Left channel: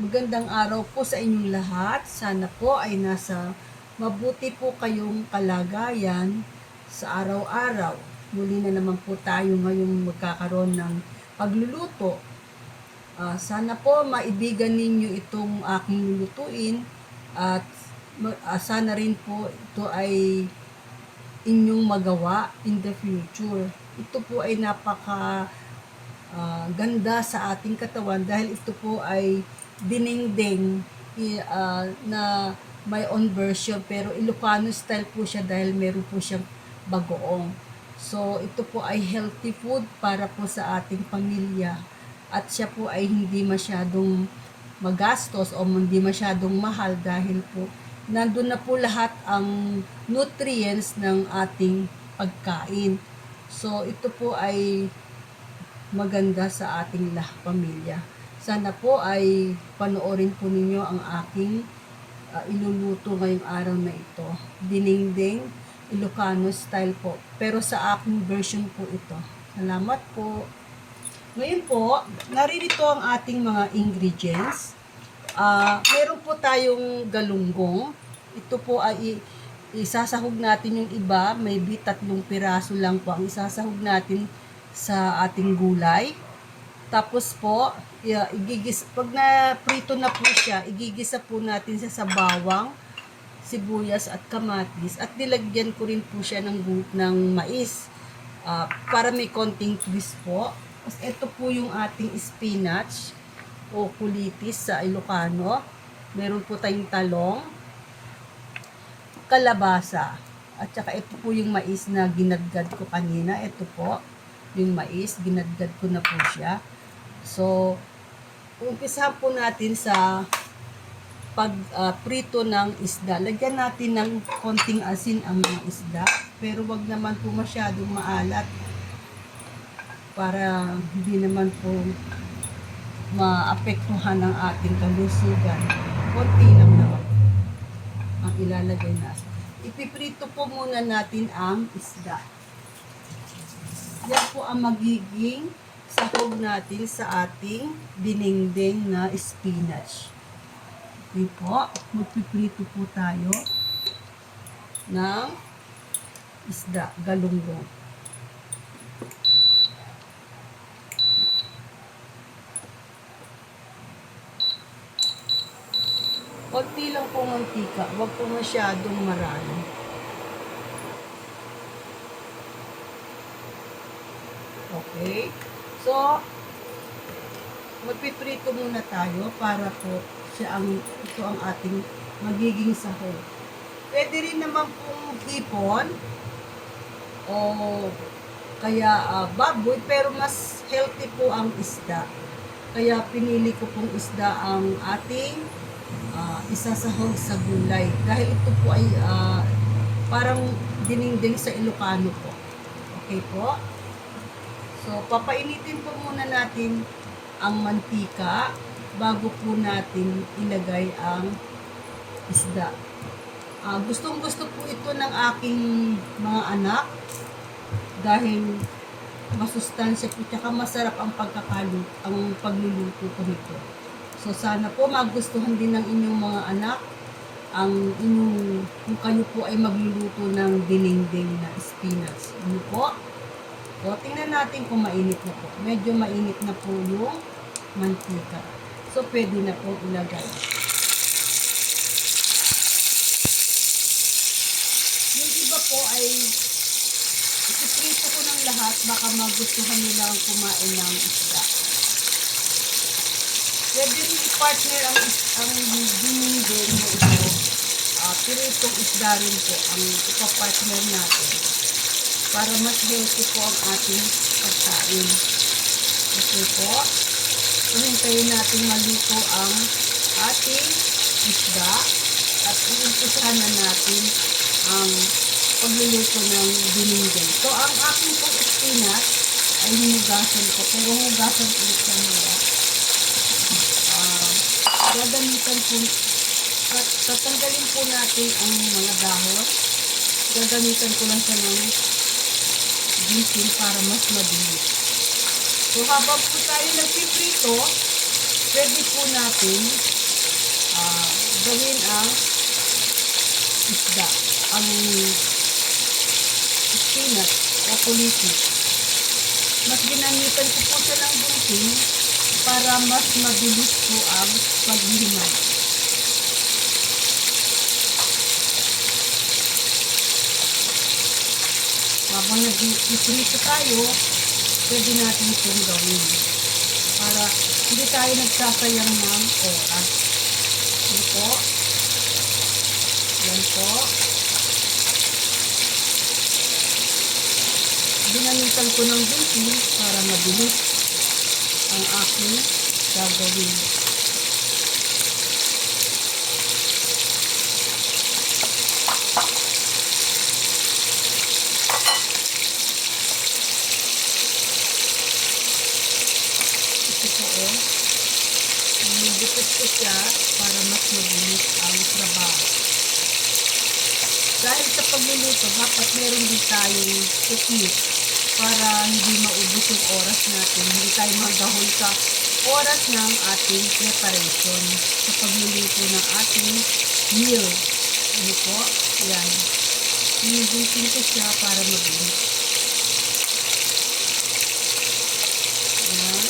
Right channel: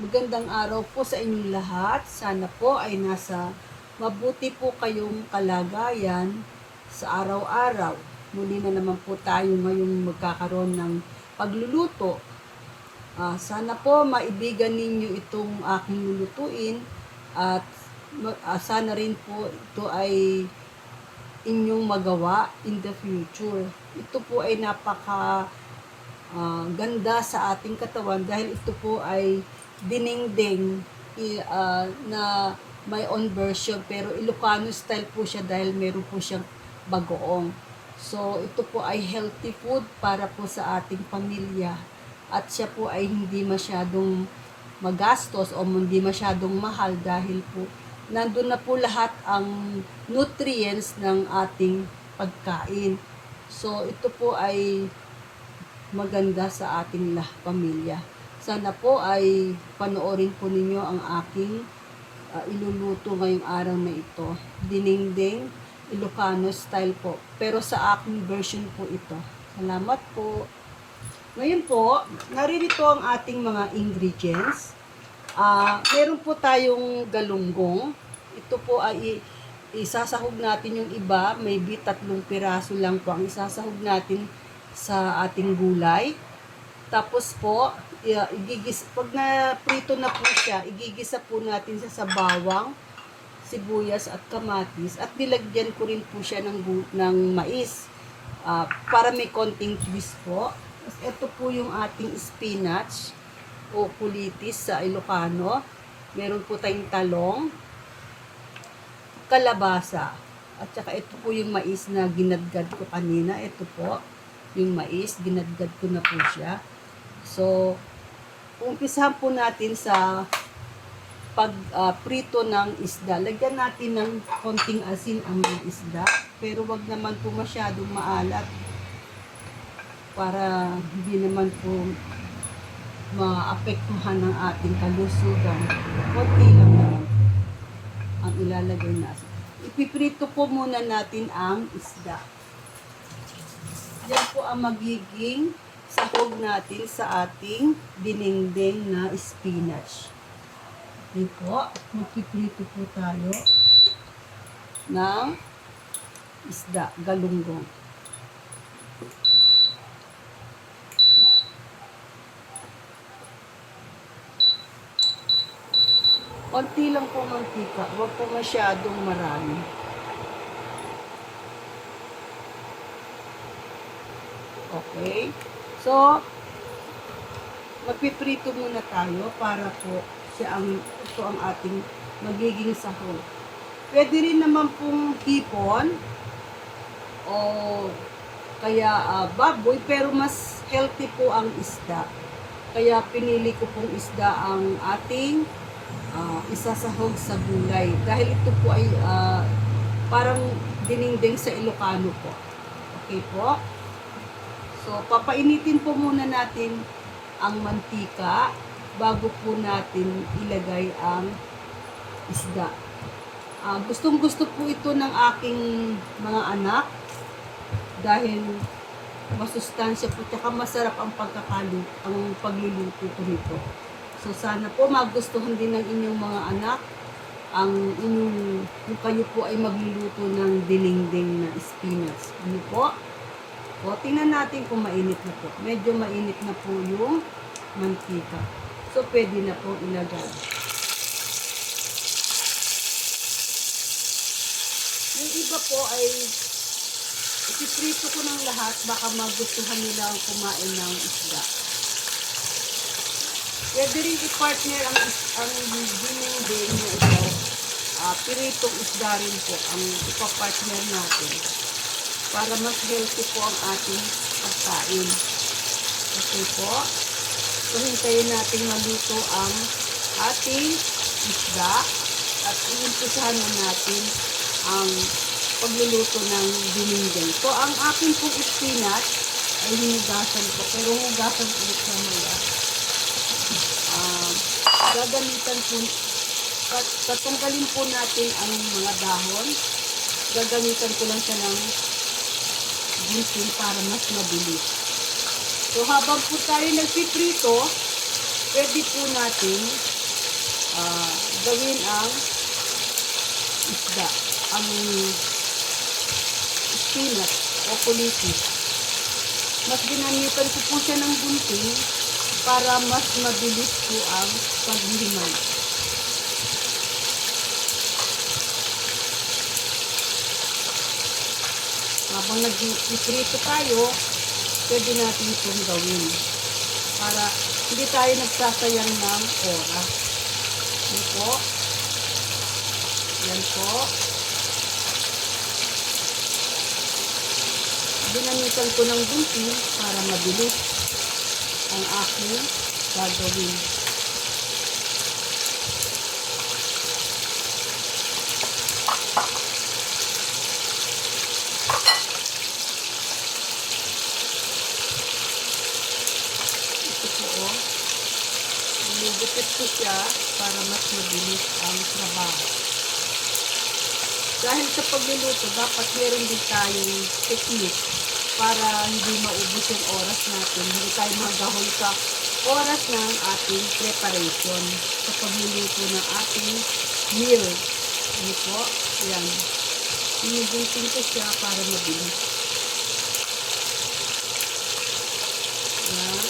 Magandang araw po sa inyong lahat. Sana po ay nasa mabuti po kayong kalagayan sa araw-araw. Muli na naman po tayo ngayong magkakaroon ng pagluluto. Sana po maibigan ninyo itong aking lulutuin at sana rin po ito ay inyong magawa in the future. Ito po ay napaka ganda sa ating katawan dahil ito po ay dinengdeng na may own version pero Ilocano style po siya dahil meron po siyang bagoong. So ito po ay healthy food para po sa ating pamilya at siya po ay hindi masyadong magastos o hindi masyadong mahal dahil po nandun na po lahat ang nutrients ng ating pagkain. So ito po ay maganda sa ating pamilya. Sana po ay panoorin po ninyo ang aking iluluto ngayong araw na ito. Dinengdeng Ilocano style po. Pero sa aking version po ito. Salamat po. Ngayon po, naririto ang ating mga ingredients. Meron po tayong galunggong. Ito po ay isasahog natin yung iba. Maybe 3 piraso lang po ang isasahog natin sa ating gulay. Tapos po, pag na-prito na po siya, igigisa po natin sa bawang, sibuyas at kamatis at nilagyan ko rin po siya ng mais para may konting twist po. Tapos ito po yung ating spinach o kulitis sa Ilocano. Meron po tayong talong, kalabasa, at saka ito po yung mais na ginadgad ko kanina. Ito po yung mais, ginadgad ko na po siya. So, umpisahan po natin sa pag-prito ng isda. Lagyan natin ng konting asin ang mga isda, pero wag naman po masyadong maalat para hindi naman po maapektuhan ng ating kalusugan. Konti lang naman ang ilalagay natin. Ipiprito po muna natin ang isda. Yan po ang magiging sahog natin sa ating dinengdeng na spinach. Okay po, magpiprito po tayo ng isda, galunggong. Konti lang po mantika, huwag po masyadong marami. Okay. So, magpiprito muna tayo para po ito ang ating magiging sahog. Pwede rin naman pong hipon o kaya baboy, pero mas healthy po ang isda. Kaya pinili ko pong isda ang ating isasahog sa gulay. Dahil ito po ay parang dinengdeng sa Ilocano po. Okay po? So, papainitin po muna natin ang mantika bago po natin ilagay ang isda. Gustong-gusto po ito ng aking mga anak dahil masustansya po tsaka masarap ang pagluluto ko nito. So, sana po magustuhan din ng inyong mga anak kung kayo po ay magluluto ng dinengdeng na spinach. Ano po? O, tingnan natin kung mainit na po. Medyo mainit na po yung mantika. So, pwede na po ilagay. Yung iba po ay ipiprito ko ng lahat. Baka magustuhan nila ang kumain ng isda. Pwede rin i-partner ang dinengdeng mo ito. Piritong isda rin po ang ipapartner natin para mas healthy po ang ating pagkain. Okay po. So, hintayin natin maluto ang ating isda at iumpisahan na natin ang pagluluto ng dinengdeng. So, ang aking pong spinach ay hinugasan ko, pero hugasan ulit sa mga. Gagamitan po, tatanggalin po natin ang mga dahon. Gagamitan ko lang siya ng ginsin para mas mabilis. So, habang po tayo nagpiprito, pwede pwede po natin gawin ang isda, ang spinach o kulitis. Mas ginamitan ko po siya ng gunting para mas mabilis po ang paghihimay. Habang nag-iprito tayo, pwede natin itong gawin para hindi tayo nagsasayang ng oras. Ito. Yan po. Ginamitan ko ng gunting para mabilis ang aking gagawin. Nilugupit ko siya para mas mabilis ang trabaho. Dahil sa pagluluto, dapat meron din tayong technique para hindi maubos yung oras natin. Hindi tayo magahol sa oras ng ating preparation sa pagluluto ng ating meal. Ano po? Yan. Nilugupin ko siya para mabilis. Yan.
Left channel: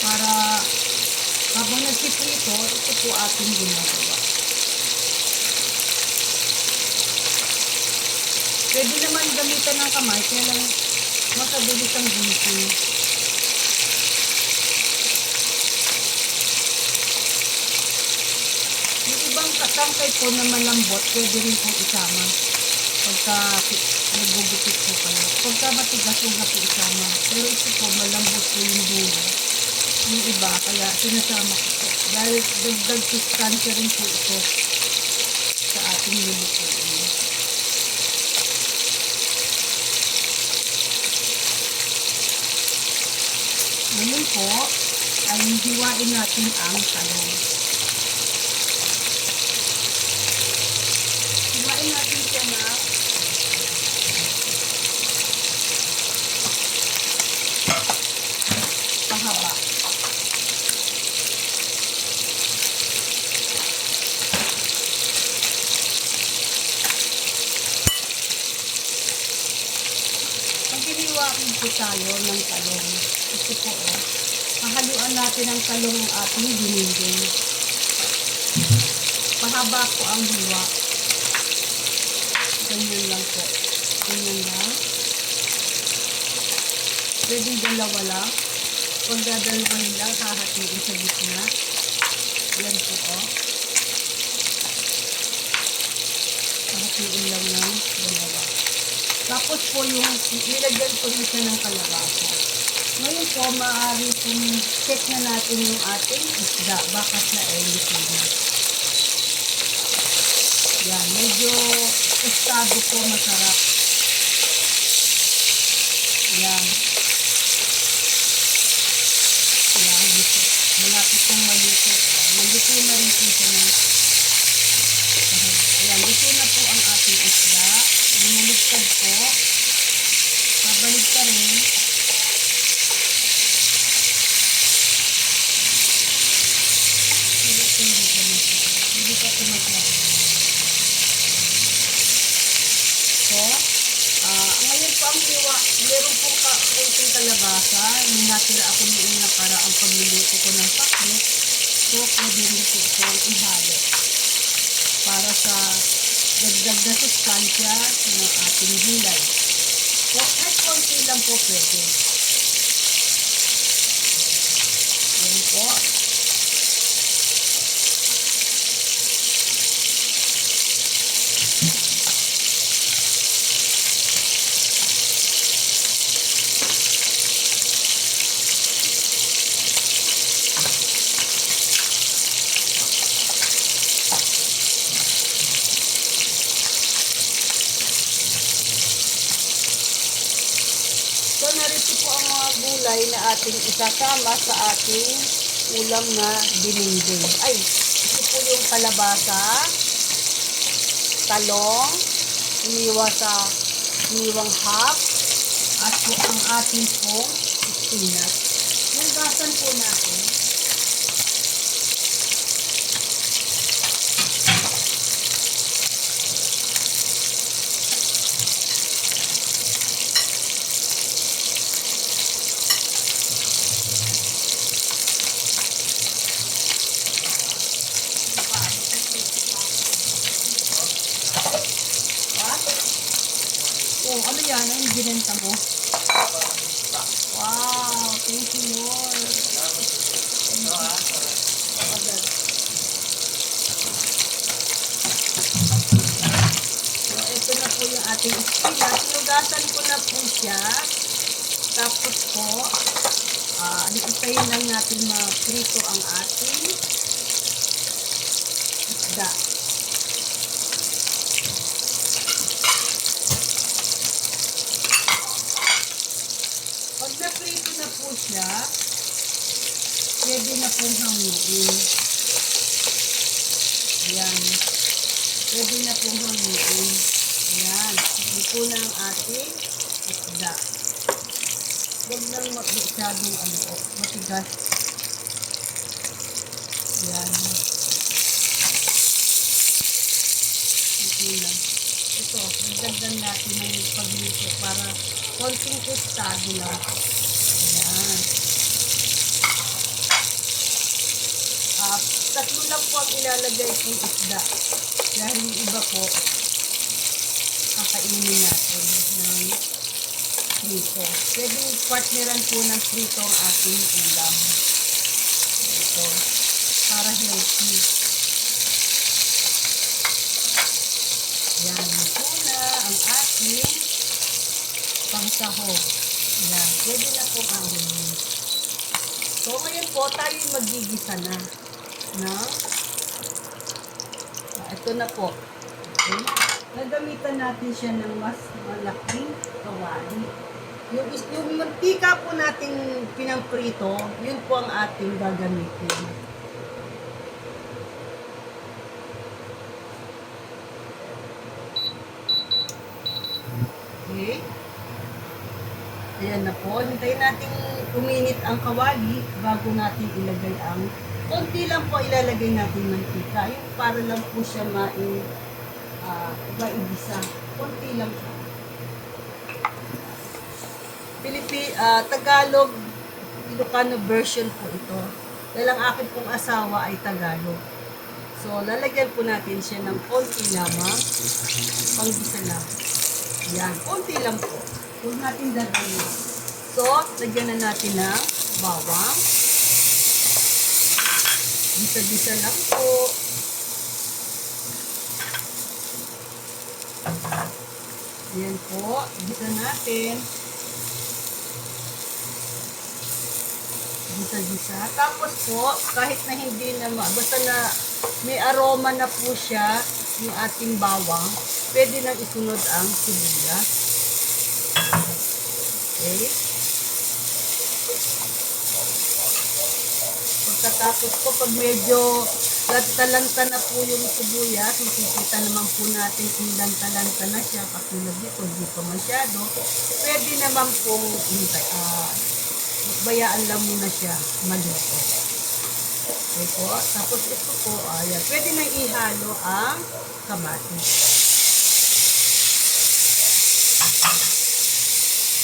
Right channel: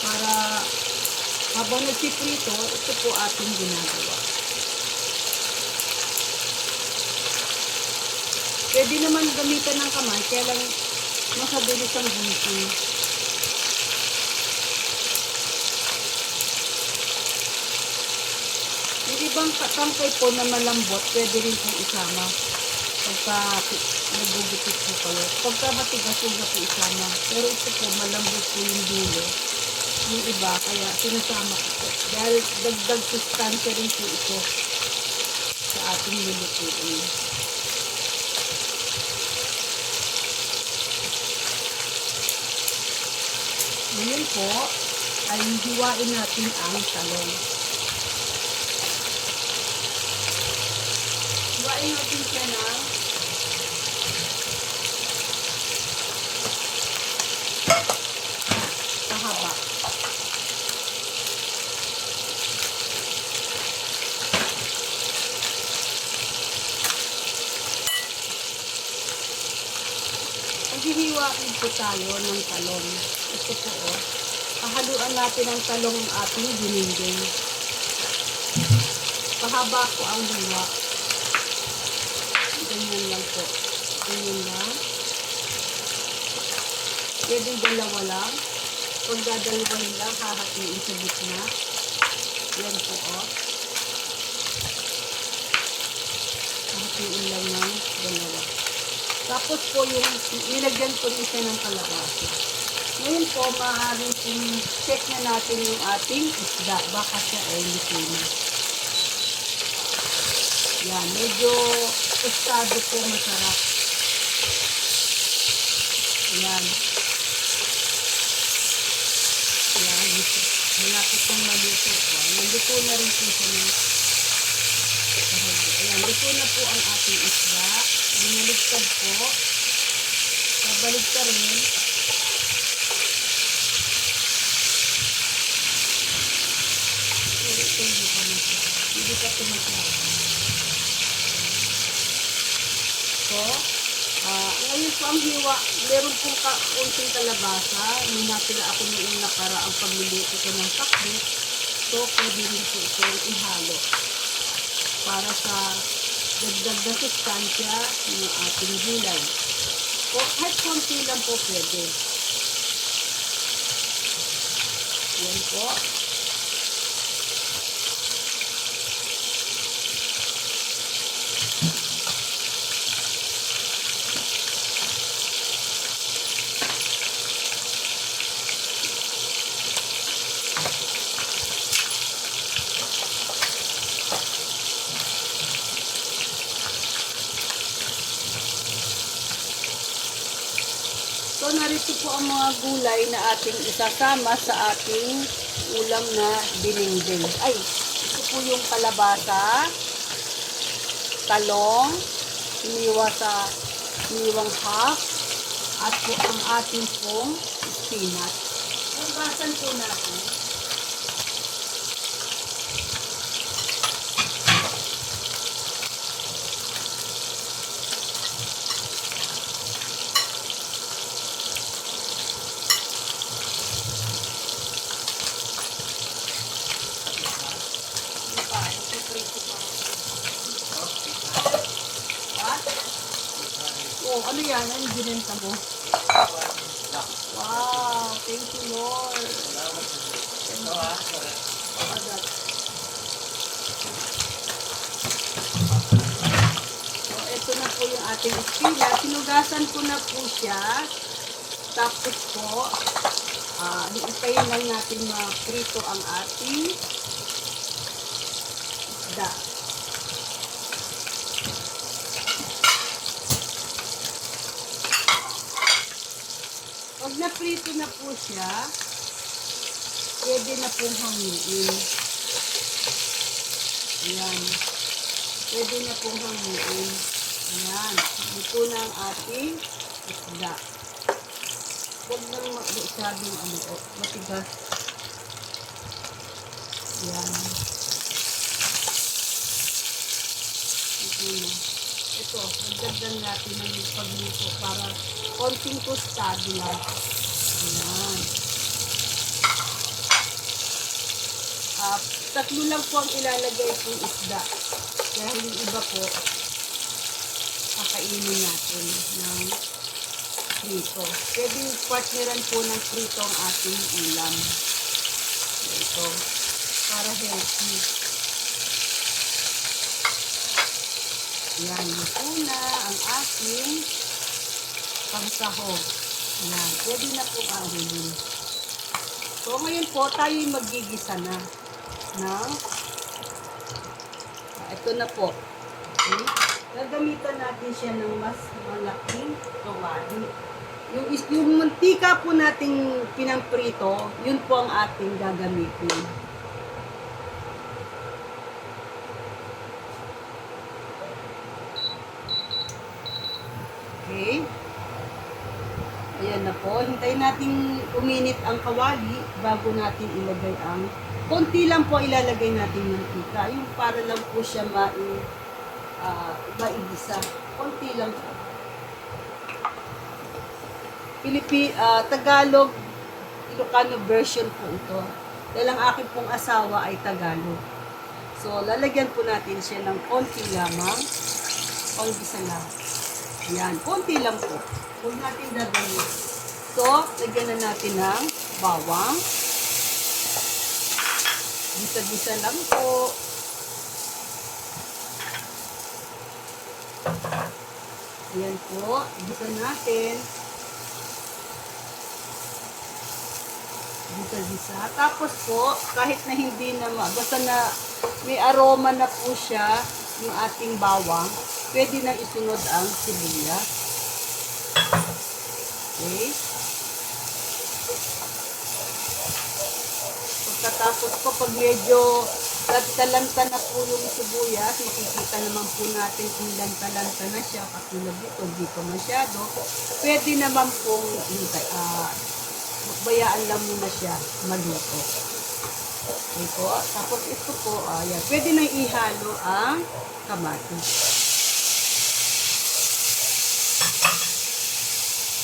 Para habang nagsiprito, ito po ating ginagawa. Pwede naman gamitan ng kamay, kaya lang makabilis ang gunting. Yung ibang katangkay po na malambot, pwede rin pong isama. Pagka nagugupit po kayo. Pagka matigas yun na po isama. Pero ito po, malambot po yung dulo. Yung iba, kaya sinasama ko po. Dahil dagdag sustansya rin po ito sa ating lulutuin. Ngayon po, ay hiwain natin ang talong. Hiwain natin siya na pahaba. Paghiniwain po tayo ng talong. Ito po hahaluan natin ang talong ng ating dininding. Pahaba ko ang hiwa. Ganyan lang po. Ganyan lang. Pwede dalawa lang. Pag dadalawahin lang, hahatiin sa gitna. Yan po hahatiin lang ng dalawa. Tapos po yung ilagyan ko rin siya ng kalabasa. Ngayon po, maaari pong check na natin yung ating isda. Baka siya ay luto na. Yan, medyo tostado po, masarap. Yan. Yan, malapit pong maluto. Naluto na rin po siya ng ayan, luto na po ang ating isda. Binaligtad po. Pabalik ka rin. Hindi ka tumatla. So, ngayon po ang hiwa, meron pong kaunting kalabasa. Ninatira ako noong nakaraang pagluluto ko ng pakbet. So, pwede rin po itong ihalo para sa dagdag na sustansya ng ating gulay. So, kahit konti lang po pwede. Yan po. So, narito po ang mga gulay na ating isasama sa ating ulam na dininding. Ay, ito po yung kalabasa, talong, iniwang half, at po ang ating pong spinach. Yan Hugasan po natin. Oh, ano yan? Ano yung ginenta mo? Wow, thank you, Lord. Agad. So, ito na po yung ating estila. Sinugasan ko na po siya. Tapos po, iitayin lang natin ma-prito ang ating isda. Pag na-prito na po siya, pwede na pong hanguin. Ayan. Pwede na pong hanguin. Ayan. Ito na ang ating isda. Huwag nang masyadong matigas. Ayan. Ito na. Ito, nagdagdan natin ng pagluto para konting tostado lang. Ayan. Tatlo lang po ang ilalagay kong isda. Dahil yung iba po, kakainin natin ng prito. Pwede partneran po ng prito ang ating ulam. Ito, para healthy. Yan, ito na ang ating pangsahog. Yan, pwede na po ahunin. So, ngayon po, tayo magigisa na ng ito na po. Okay? Gagamitan natin siya ng mas malaking kawali. Yung mantika po nating pinangprito, yun po ang ating gagamitin. Okay? Ayan na po. Hintayin natin uminit ang kawali bago natin ilagay ang konti lang po ilalagay natin ng mantika. Yung para lang po siya maigisa. Konti lang po. Tagalog, Ilocano version po ito. Dahil ang akin pong asawa ay Tagalog. So, lalagyan po natin siya ng konti lamang. Panggisa lang. Yan, konti lang po. Huwag natin dadayin. So, lagyan na natin ng bawang. Gisa-gisa lang po. Ayan po. Gisa natin. Gisa-gisa. Tapos po, kahit na hindi na basta na may aroma na po siya, yung ating bawang, pwede nang isunod ang sibuyas. Okay. Pagkatapos ko, pag medyo lanta-lanta na po yung sibuyas, makikita naman po natin kung lanta-lanta na siya, katulad dito, hindi pa masyado, pwede naman pong bayaan lang muna siya maluto. Okay po. Tapos ito po, ayan, pwede na ihalo ang kamatis.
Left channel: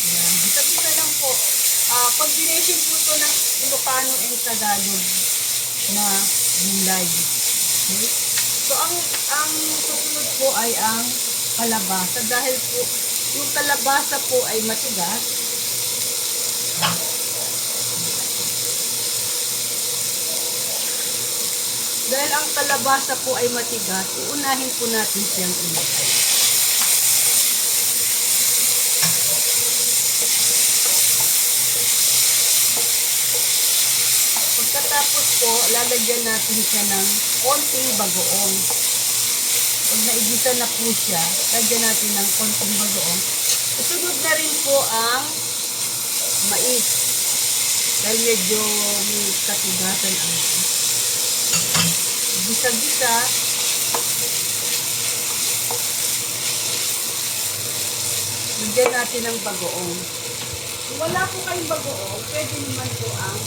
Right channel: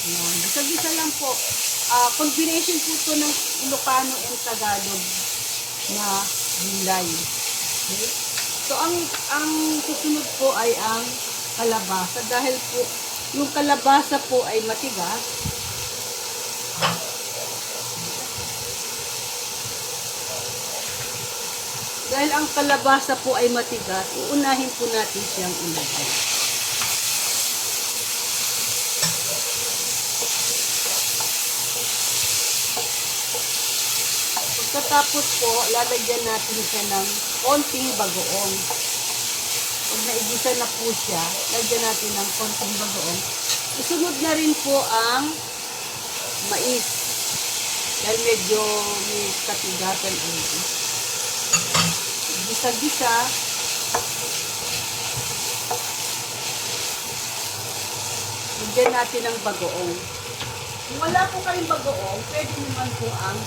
Ayan, bisa-bisa lang po. Combination po ito ng Ilocano and Tagalog na gulay. Okay? So, ang susunod po ay ang kalabasa. Dahil po, yung kalabasa po ay matigas. Dahil ang kalabasa po ay matigas, uunahin po natin siyang ilagay. Pagkatapos po, lalagyan natin siya ng konting bagoong. Pag naigisa na po siya, lagyan natin ng konting bagoong. Isunod na rin po ang mais. Dahil medyo may katigasan ang mais. Gisa-gisa. Lagyan natin ng bagoong. Kung wala po kayong bagoong, pwede naman po ang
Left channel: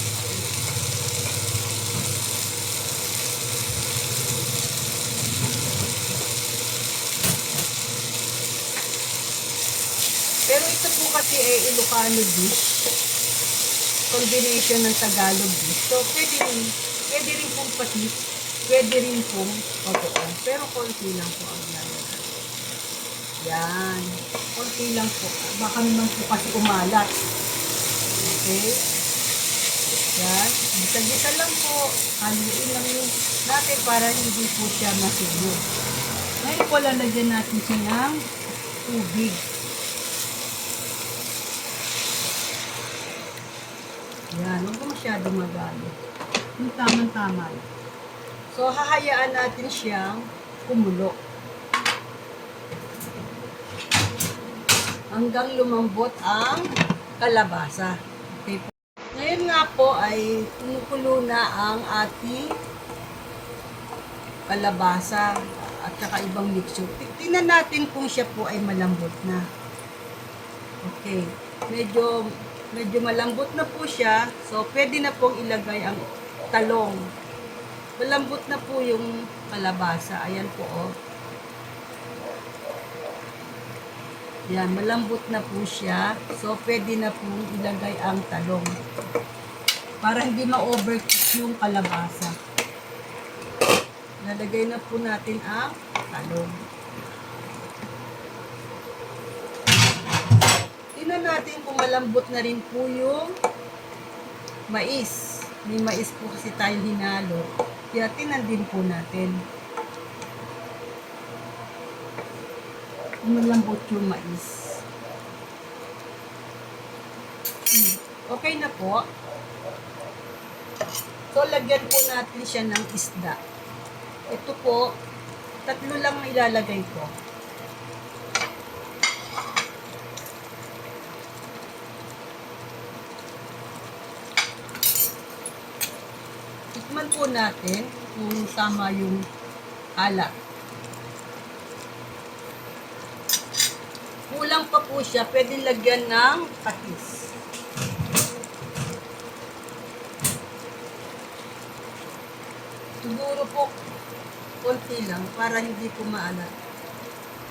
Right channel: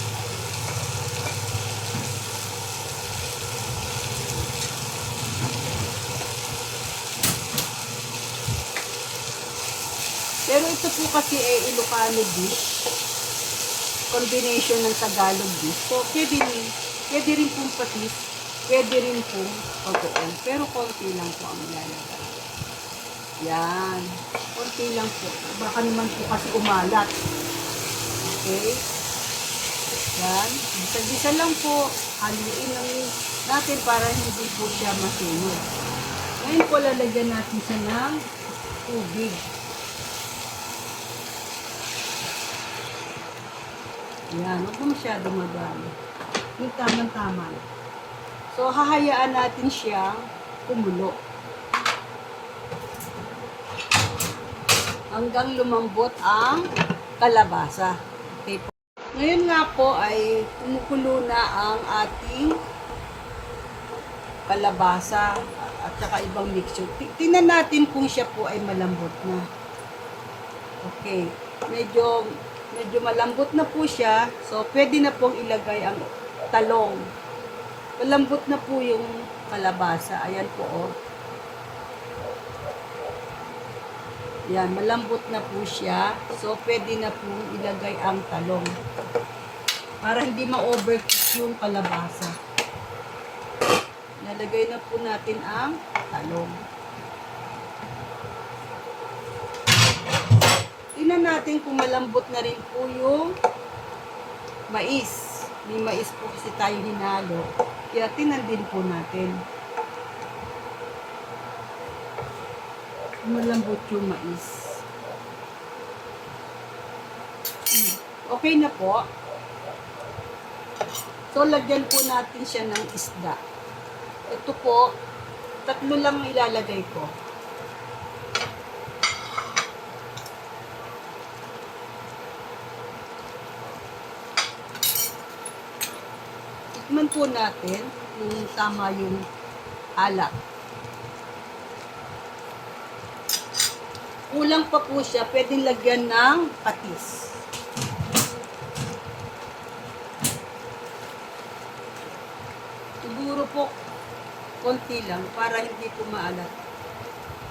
pero ito po kasi Ilocano dish, combination ng Tagalog dish. So, pwede rin pong patis, pwede rin pong bagoong. Pero konti lang po ang lalagay. Yan. Konti lang po. Baka naman po kasi umalat. Okay. Yan. Bisa-bisa lang po. Haluin lang natin para hindi po siya masunog. Ngayon po lalagyan natin siya ng tubig. Yan. Huwag po masyado magano. Yung tamang-tama. So, hahayaan natin siyang kumulo. Hanggang lumambot ang kalabasa. Okay po. Ngayon nga po ay kumukulo na ang ating kalabasa at saka ibang mixture. Tingnan natin kung siya po ay malambot na. Okay. Medyo malambot na po siya. So, pwede na pong ilagay ang talong. Malambot na po yung kalabasa. Ayan po, oh. Yan, malambot na po siya. So, pwede na po ilagay ang talong. Para hindi ma-overcook yung kalabasa. Lalagay na po natin ang talong. Tingnan natin kung malambot na rin po yung mais. May mais po kasi tayo hinalo. Kaya tingnan din po natin. Malambot yung mais. Okay na po. So, lagyan po natin siya ng isda. Ito po, 3 lang ilalagay ko. Tikman po natin kung tama yung alat. Kulang pa po siya, pwedeng lagyan ng patis. Siguro po, konti lang, para hindi po maalat.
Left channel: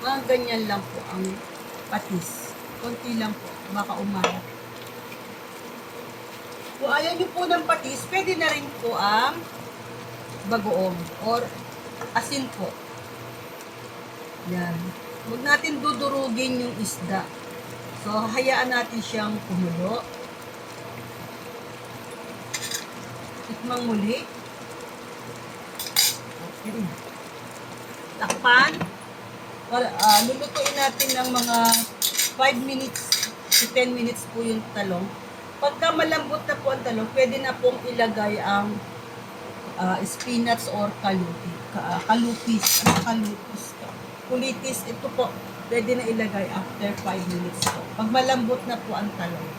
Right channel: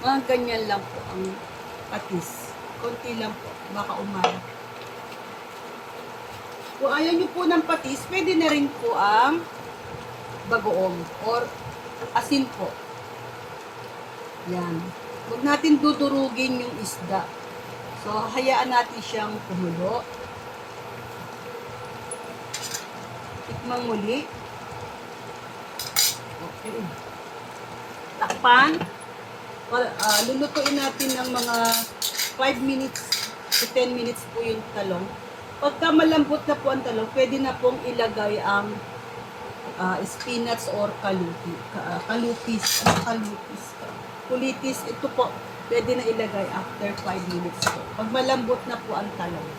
Mga ganyan lang po ang patis. Konti lang po, baka umalat. Kung ayaw nyo po ng patis, pwede na rin po ang bagoong or asin po. Yan. Huwag natin dudurugin yung isda. So, hayaan natin siyang kumulo. Tikmang muli. Okay. Takpan. Lulutuin natin ng mga 5 minutes to 10 minutes po yung talong. Pagka malambot na po ang talong, pwede na pong ilagay ang spinach or kalupis. Kulitis, ito po, pwede na ilagay after 5 minutes po. Pag malambot na po ang talong.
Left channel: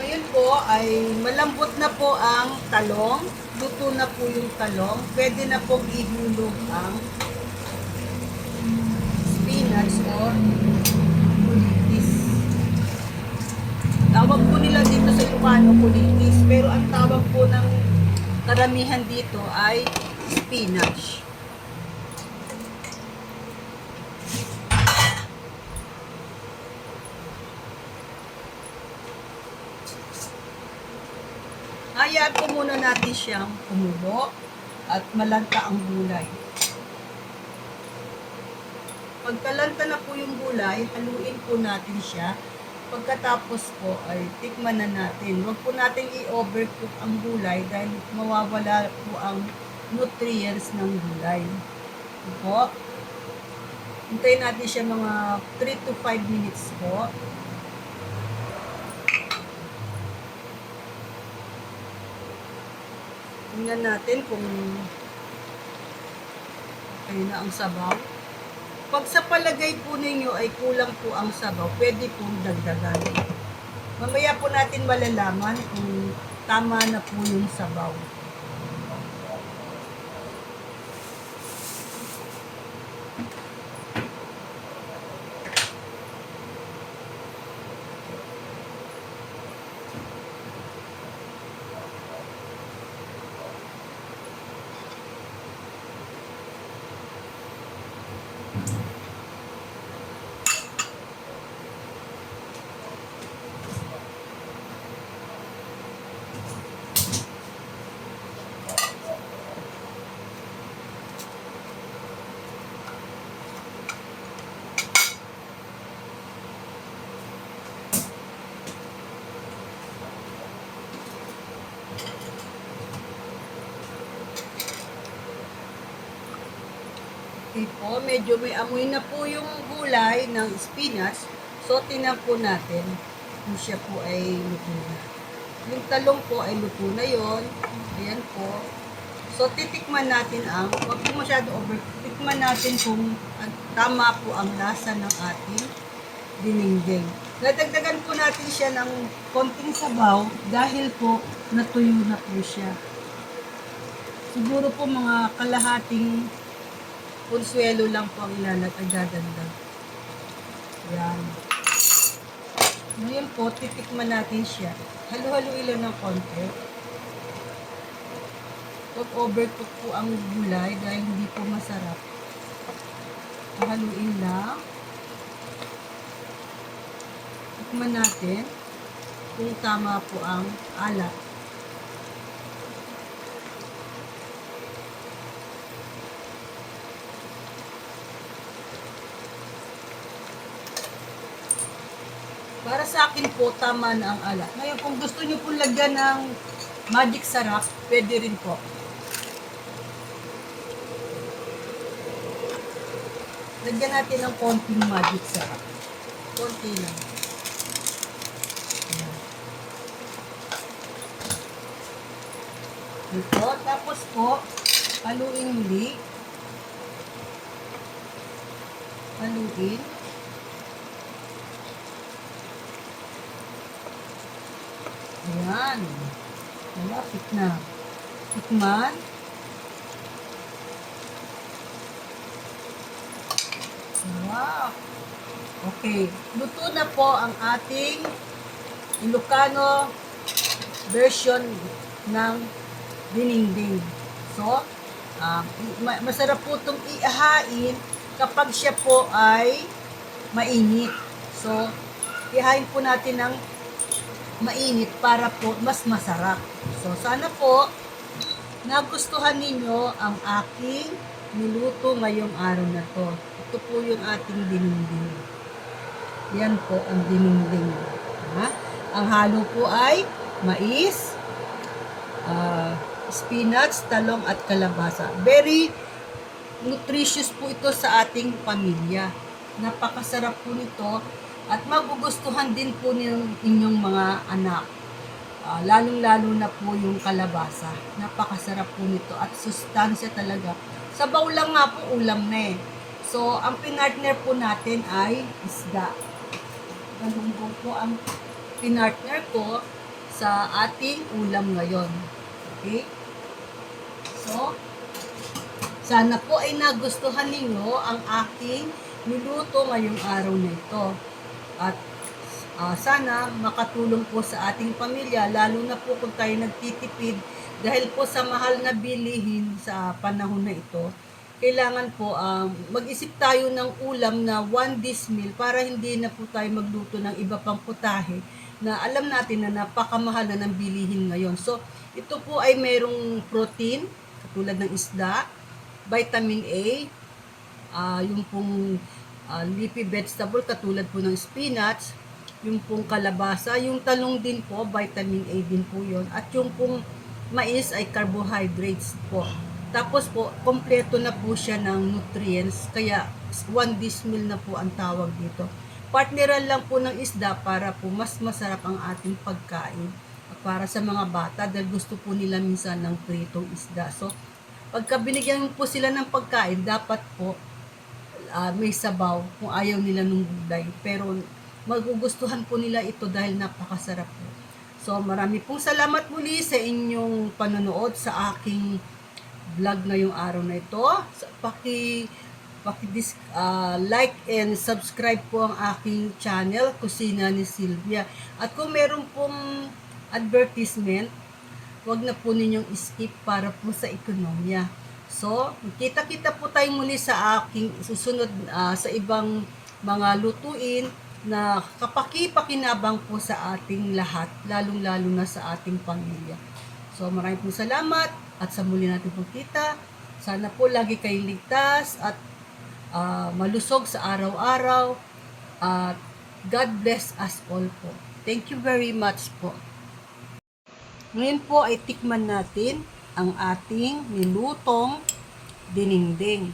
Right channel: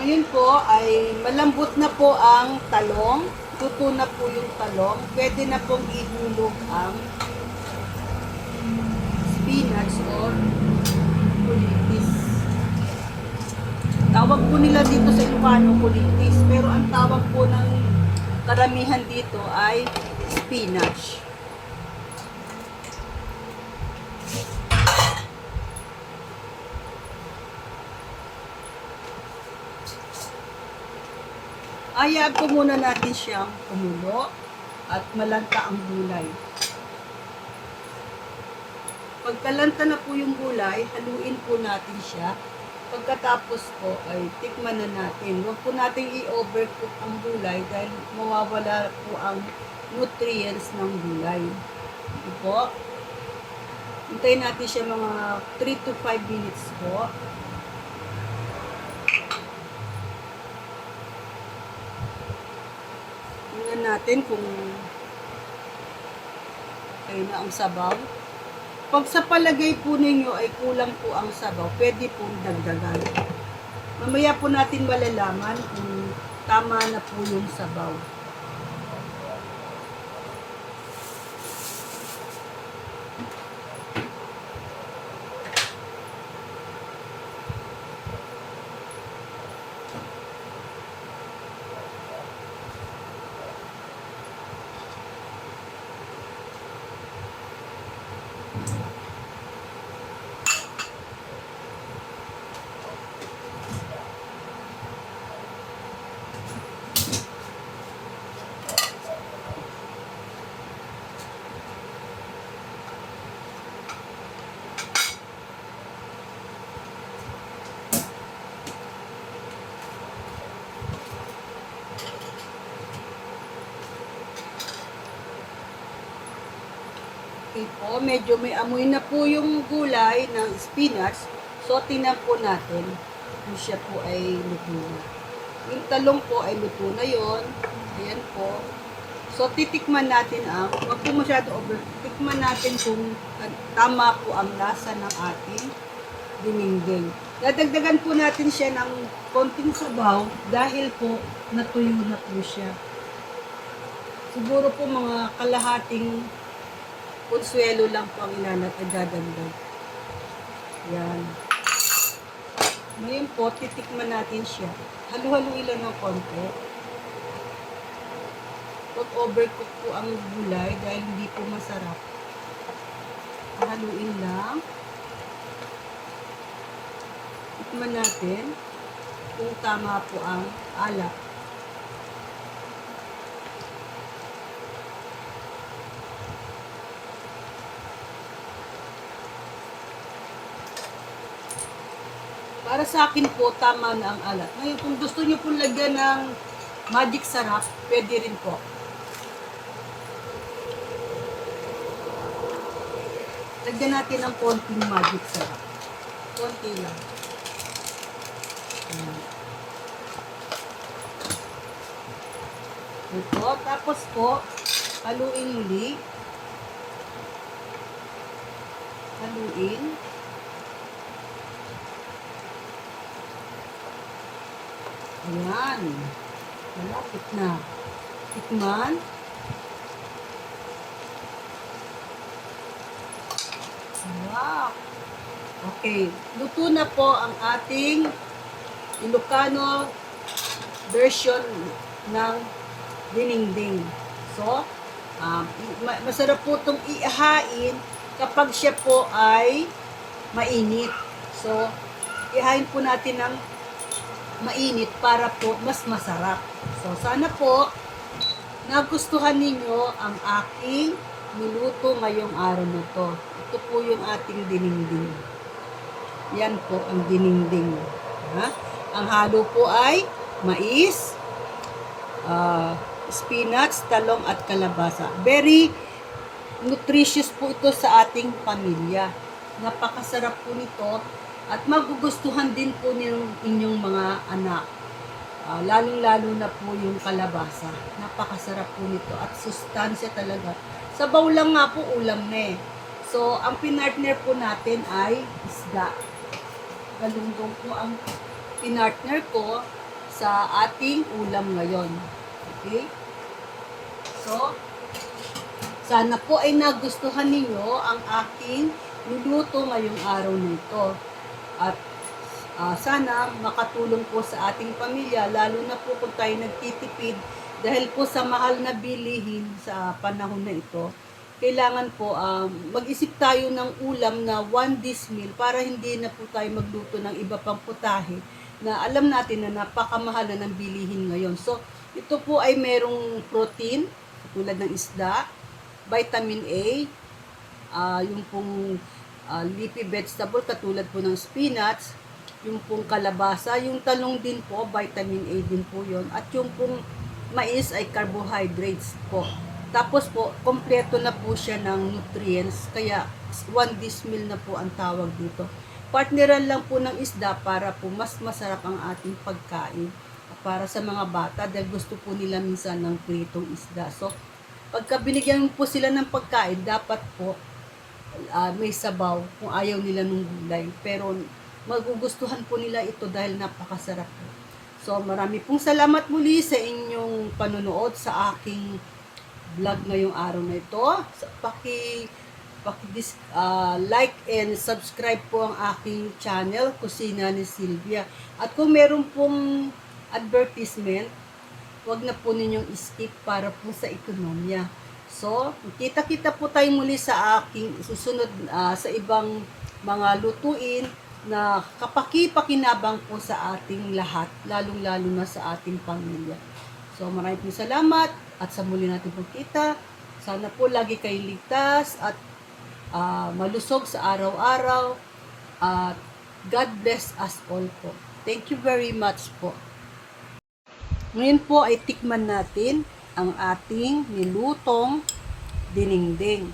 Ngayon po ay malambot na po ang talong. Luto na po yung talong. Pwede na pong ihulog ang spinach or kulitis. Tawag po nila dito sa Ilocano kulitis, pero ang tawag po ng karamihan dito ay spinach. Hayaan po muna natin siyang kumulo at malanta ang gulay. Pagkalanta na po yung gulay, haluin po natin siya. Pagkatapos po ay tikman na natin. Huwag po natin i-overcook ang gulay dahil mawawala po ang nutrients ng gulay. Ito po. Hintayin natin siya mga 3 to 5 minutes po. Tingnan natin kung okay na ang sabaw. Pag sa palagay po ninyo ay kulang po ang sabaw, pwede pong dagdagan. Mamaya po natin malalaman kung tama na po yung sabaw. Okay po, medyo may amoy na po yung gulay ng spinach. So, tinan po natin kung siya po ay luto na. Yung talong po ay luto na yon. Ayan po. So, titikman natin wag po masyado over, titikman natin kung tama po ang lasa ng ating dinengdeng. Dadagdagan po natin siya ng konting sabaw dahil po natuyo na po siya. Siguro po mga kalahating konsuelo lang po ang ilalagay. Yan. Ngayon po, titikman natin siya. Halu-haluin lang ng konti. Huwag overcook po ang gulay dahil hindi po masarap. Haluin lang. Tikman natin kung tama po ang alat. Para sa akin po, tama na ang alat. Ngayon, kung gusto nyo po lagyan ng magic sarap, pwede rin po. Lagyan natin ng konting magic sarap. Konti lang. Ito. Tapos po, haluin muli. Haluin. Ayan. Malapit na. Tikman. Wow. Okay. Luto na po ang ating Ilocano version ng dinengdeng. So, masarap po itong ihain kapag siya po ay mainit. So, ihain po natin ng mainit para po mas masarap. So, sana po nagustuhan ninyo ang aking niluto ngayong araw na to. Ito po yung ating dinengdeng. Yan po ang dinengdeng. Ha? Ang halo po ay mais, spinach, talong at kalabasa. Very nutritious po ito sa ating pamilya. Napakasarap po nito at magugustuhan din po ng inyong mga anak. Lalong-lalo na po yung kalabasa. Napakasarap po nito at sustansya talaga. Sabaw lang nga po, ulam na eh. So, ang pinartner po natin ay isda. Galunggong po ang pinartner ko sa ating ulam ngayon. Okay? So, sana po ay nagustuhan ninyo ang aking niluto ngayong araw na ito. At sana makatulong po sa ating pamilya, lalo na po kung tayo nagtitipid dahil po sa mahal na bilihin sa panahon na ito. Kailangan po mag-isip tayo ng ulam na 1 dish meal para hindi na po tayo magluto ng iba pang putahe na alam natin na napakamahal na ng bilihin ngayon. So, ito po ay merong protein, katulad ng isda, vitamin A, yung pong leafy vegetable, katulad po ng spinach, yung pong kalabasa, yung talong din po, vitamin A din po yon, at yung pong mais ay carbohydrates po. Tapos po, kompleto na po siya ng nutrients, kaya 1 dish meal na po ang tawag dito. Partneran lang po ng isda para po mas masarap ang ating pagkain para sa mga bata dahil gusto po nila minsan ng pritong isda. So, pagka binigyan po sila ng pagkain, dapat po may sabaw kung ayaw nila ng gulay. Pero magugustuhan po nila ito dahil napakasarap po. So marami pong salamat muli sa inyong panonood sa aking vlog ngayong araw na ito. Like and subscribe po ang aking channel, Kusina ni Sylvia. At kung meron pong advertisement, wag na po ninyong skip para po sa ekonomiya. So, kita-kita po tayo muli sa aking susunod sa ibang mga lutuin na kapaki-pakinabang po sa ating lahat, lalong-lalo na sa ating pamilya. So, maraming pong salamat at sa muli natin pong kita. Sana po lagi kayong ligtas at malusog sa araw-araw. At God bless us all po. Thank you very much po. Ngayon po ay tikman natin ang ating nilutong dinengdeng.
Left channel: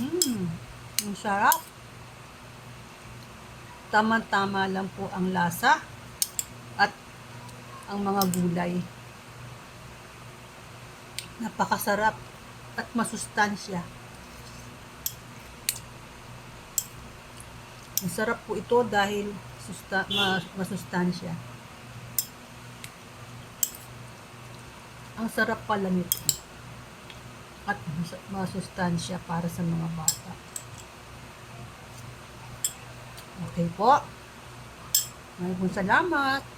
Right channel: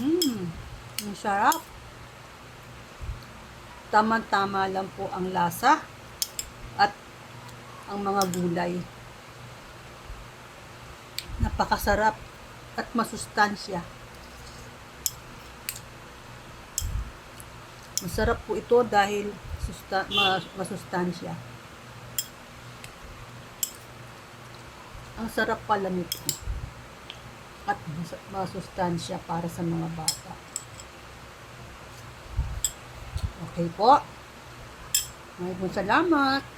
Ang sarap. Tama-tama lang po ang lasa at ang mga gulay. Napakasarap at masustansya. Masarap po ito dahil masustansya. Ang sarap pala nito. At masustansya para sa mga bata. Okay po. Maraming salamat.